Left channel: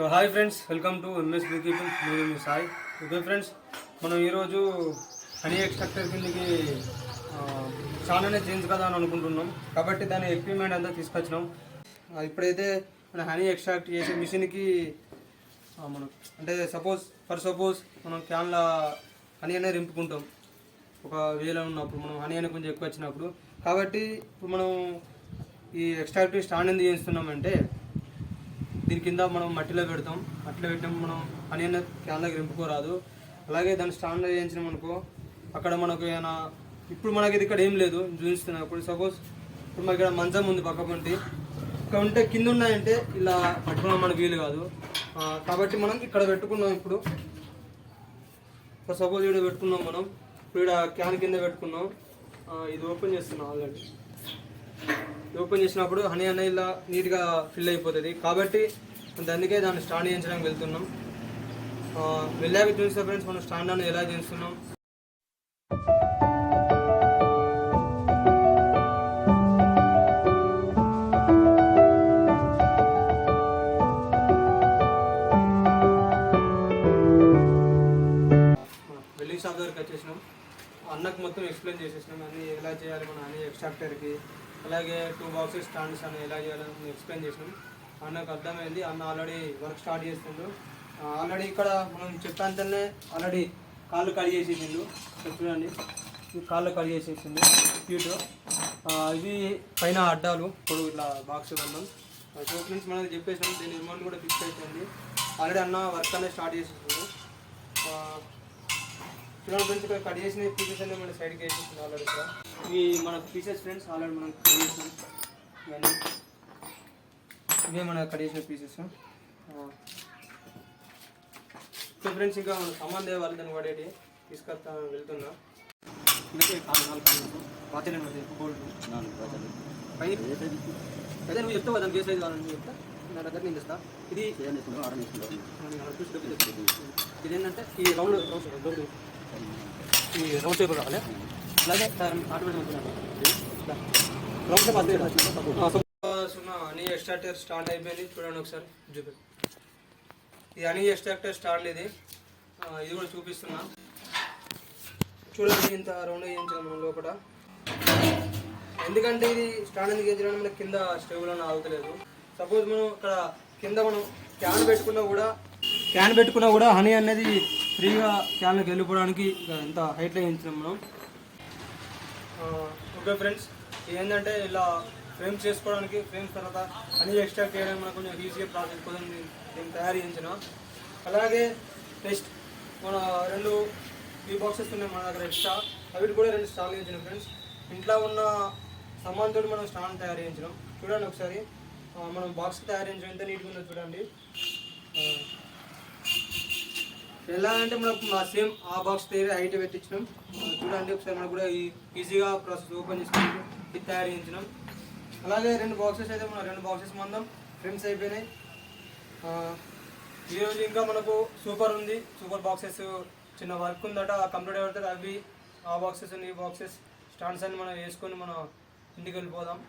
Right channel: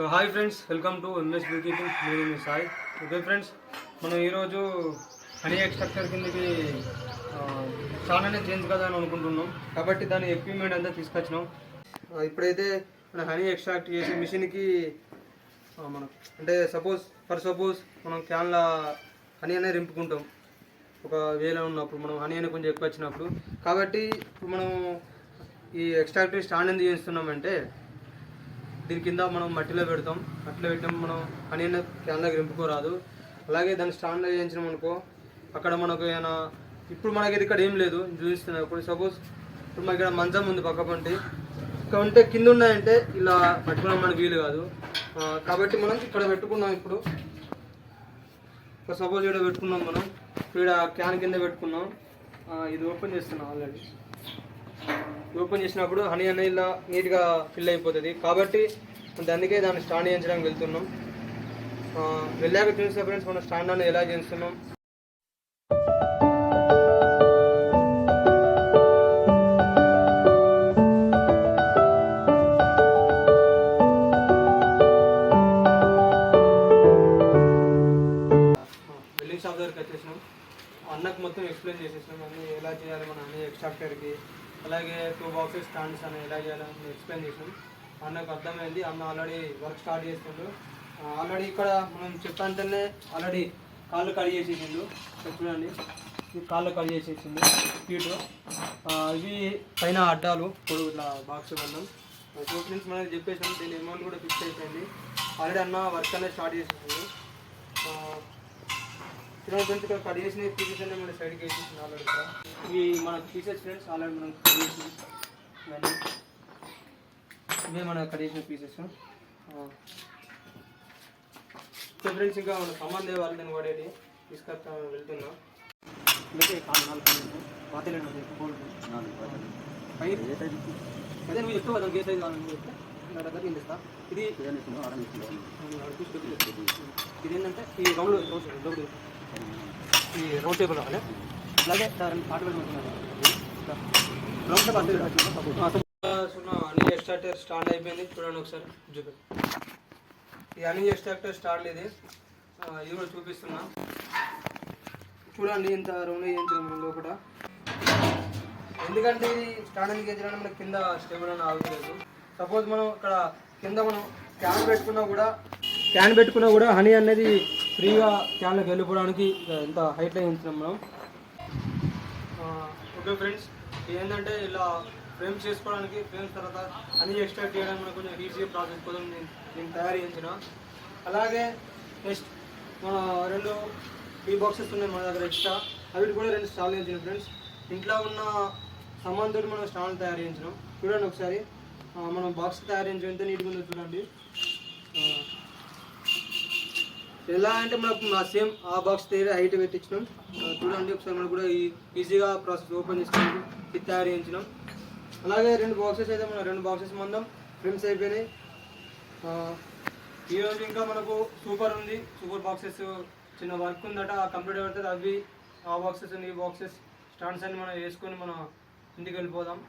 So hi friends, welcome to MS beekeeping. నేను మీ Sai. Okay friends, మనం ఈరోజు హనీ ఎక్స్ట్రాక్టర్ కిందకి చాలానే చేంజ్ కదా అని అనుకుంటున్నాం. కాబట్టి దాని ఎక్విప్మెంట్ అంతా తీసుకొచ్చినాం. ఇప్పుడైతే మన హనీ ఎక్స్ట్రాక్ట్ చేసే మిషన్కి మనం అంటే సపోజ్ మనం క్యాన్ల హనీ అనేది రింపుకుంటాం. ఒక వేలో ఉన్నప్పుడు మనం హనీ అనేది కొంచెం ఎక్కువ వచ్చినప్పుడు. కాబట్టి ఇప్పుడు మనం ఈ ఎక్స్ట్రాక్టర్ స్టాండ్ ఎందుకు చేస్తున్నామంటే, దీని కింద మనం మట్టిలో పెడతాం. మట్టిలో పెట్టిన మనం హనీ అనేది క్యాన్లోకి రింపుకోరాదు. అలాగే దాన్ని స్టాండ్ చేయించినాం అనుకో, అక్కడ మనకు ఏమైనా ఇప్పుడు మనకి ఇక్కడ ఏం లేదు చూపిస్తున్నాం. ఇప్పుడు సపోజ్ ఇప్పుడు మనకి ఇక్కడ మంచం ఉంది పక్క పంటి, ఇక్కడ ఉంటే కింద ఉన్నాయంటే ఇలా పట్టుకోవడం మనకు వీలు కాదు. కాబట్టి మనం ఇక్కడ పెట్టుకున్నాం. ఇప్పుడు సపోజ్ ఇక్కడ పెట్టుకున్నాం. మనం ఇప్పుడు ఇక్కడ క్యాన్ కింద పెట్టుకున్నాం. ఇది ఓపెన్ చేస్తున్నాం. ఆల్రెడీ ఓపెన్ చేసినప్పుడు హనీ అనేది ఇలా నీట్గా ఫిల్ అయిపోతుంది. కాబట్టి అందుకే దాన్ని స్టాండ్ చేయించడానికి వెళ్తున్నాం. వెళ్ళాక చూసిన ఫ్రెండ్స్ మనం స్టాండ్ అనేది ఎలా చేస్తున్నాం. వెల్డింగ్ షాప్ దగ్గరికి వచ్చేసినాం. అన్నకు మొత్తం ఎక్స్ప్లెయిన్ చేసేసినాం అన్నీ ఎలా చేయాలి మన అన్ని ఎక్స్ట్రాక్టర్కి. అలాగే 2 బాక్సెస్ స్టాండ్స్ అని ఎలా చేయాలని ఎక్స్ప్లెయిన్ చేసినాం. అన్నకు అర్థమైంది. అన్న ఆల్రెడీ వర్క్ స్టార్ట్ చేస్తుండ్రు. ఆల్రెడీ ఇక్కడ మనం చెప్పంటేనే ఆల్రెడీ కాళ్ళు కట్ చేసేసిండు. చూడండి, ఇది కాళ్ళు కట్ చేసేసిండు హీటు. ఇవి పైన అడ్డాలు ఇప్పుడు ఇట్లా బాక్స్ వల్ల ఫ్రెండ్స్ మనకి చెప్పేసాను. దీని అమౌంట్ కూడా ఫిక్స్ అయిపోయింది. ఆల్రెడీ అన్న వర్క్ అనేది స్టార్ట్ చేసేసిండు. చూడండి ఫ్రెండ్స్, ఇక్కడ కట్ చేసిన పీసెస్ అన్నీ మన సైడ్కి వేసేసింది ఆల్రెడీ. ఇక్కడ ఇవి మన పీసెస్ ఫ్రెండ్స్ ఆల్రెడీ మనం కట్ చేసి ఇవన్నీ ఇవే మన కట్ చేసిన పీసెస్. సో ఫ్రెండ్స్, ఇంకా మన సామాన్ దేవాలి దాన్ని వాడేటి తీసుకొస్తా వెళ్తున్నా. అందుకే 4 పాతలేండి అది గోల్డ్ పైన అదే నువ్వు చెప్తావు దానికి ఏ సైజ్ కావాలని చెప్తా. నా దగ్గర నేను తెస్తా. ఇది ఏంటంటే ఈ రౌండ్ ఈ రౌండ్ షేప్ కావాలి. అలాగే పాట పెట్టుకుంటున్నాను. హనీ ఎక్స్ట్రాక్టర్ స్టార్ట్ అయిపోయింది. చూడండి ఒకసారి చూపి. ఈ హనీ ఎక్స్ట్రాక్టర్ స్టార్ట్ ఇది కూడా చూపిస్తున్నా. చూడండి, ఇంత రౌండ్ వేయించాం మనం లోపల. ఎందుకంటే ఇది స్టాండ్ ఎందుకు వేయించడానికి మనకి కింద స్టేబుల్ అని ఆగుతలేదు. సపోజ్ మనం ఇక్కడ కింద మనం క్యాన్ పెట్టుకున్నా కూడా హనీ అనేది ఫ్రీగా క్యాన్లోకి వెళ్ళిపోవడానికి ఎంత హైట్లో వేయించాం మనం. ఓకే ఫ్రెండ్స్, ఏంటంటే ఇలా ఫ్రేమ్స్ చేసుకోవడానికి ఫ్రేమ్స్ తర్వాత హనీ ఎక్స్ట్రాక్ట్ చేయడానికి మనకు కొంచెం ఈజీ ప్రాసెస్ కోసం నేను తయారు చేయించిన. అలాగే నెక్స్ట్ మన 2 టీ బాక్సెస్ ఉన్నాయి మన దగ్గర ఎక్స్ట్రా. అవి కూడా 2 స్టాల్ చేయించినాం ఫ్రెండ్స్. ఇంట్లో ఉన్న సామాన్తో మనం స్టాండ్ తయారు చేయించినాం. చూడండి ఒకసారి మనం బాక్స్ తయారు చేయించాం. ఎంత నీట్గా ఉందో చూడండి. ఎలా అంటే మనకు సేమ్ ఆ బాక్స్ తీరే హైట్ పెట్టించినాం. చూడండి ఒకసారి మనకు కూడా ఈజీగా ప్రాసెస్ ఓపెన్ చేసుకుని ఇది తయారు చేయించినాం. అలాగే 2 బాక్సెస్ అయితే మన 2 బాక్సెస్ మనం ఫ్రేమ్స్ అయిపోయినాయి. ఈరోజు ఇంకా మనకు సూపర్ బాక్సెస్ చిన్న వర్క్ ఉందట, కంప్లీట్ అవుతుంది. అవి ఆ బాక్సెస్ ఈ బాక్సెస్ స్టాండ్స్ అన్ని మనం వేసుకొని మనం ఇంటికి వెళ్ళిపోదాం.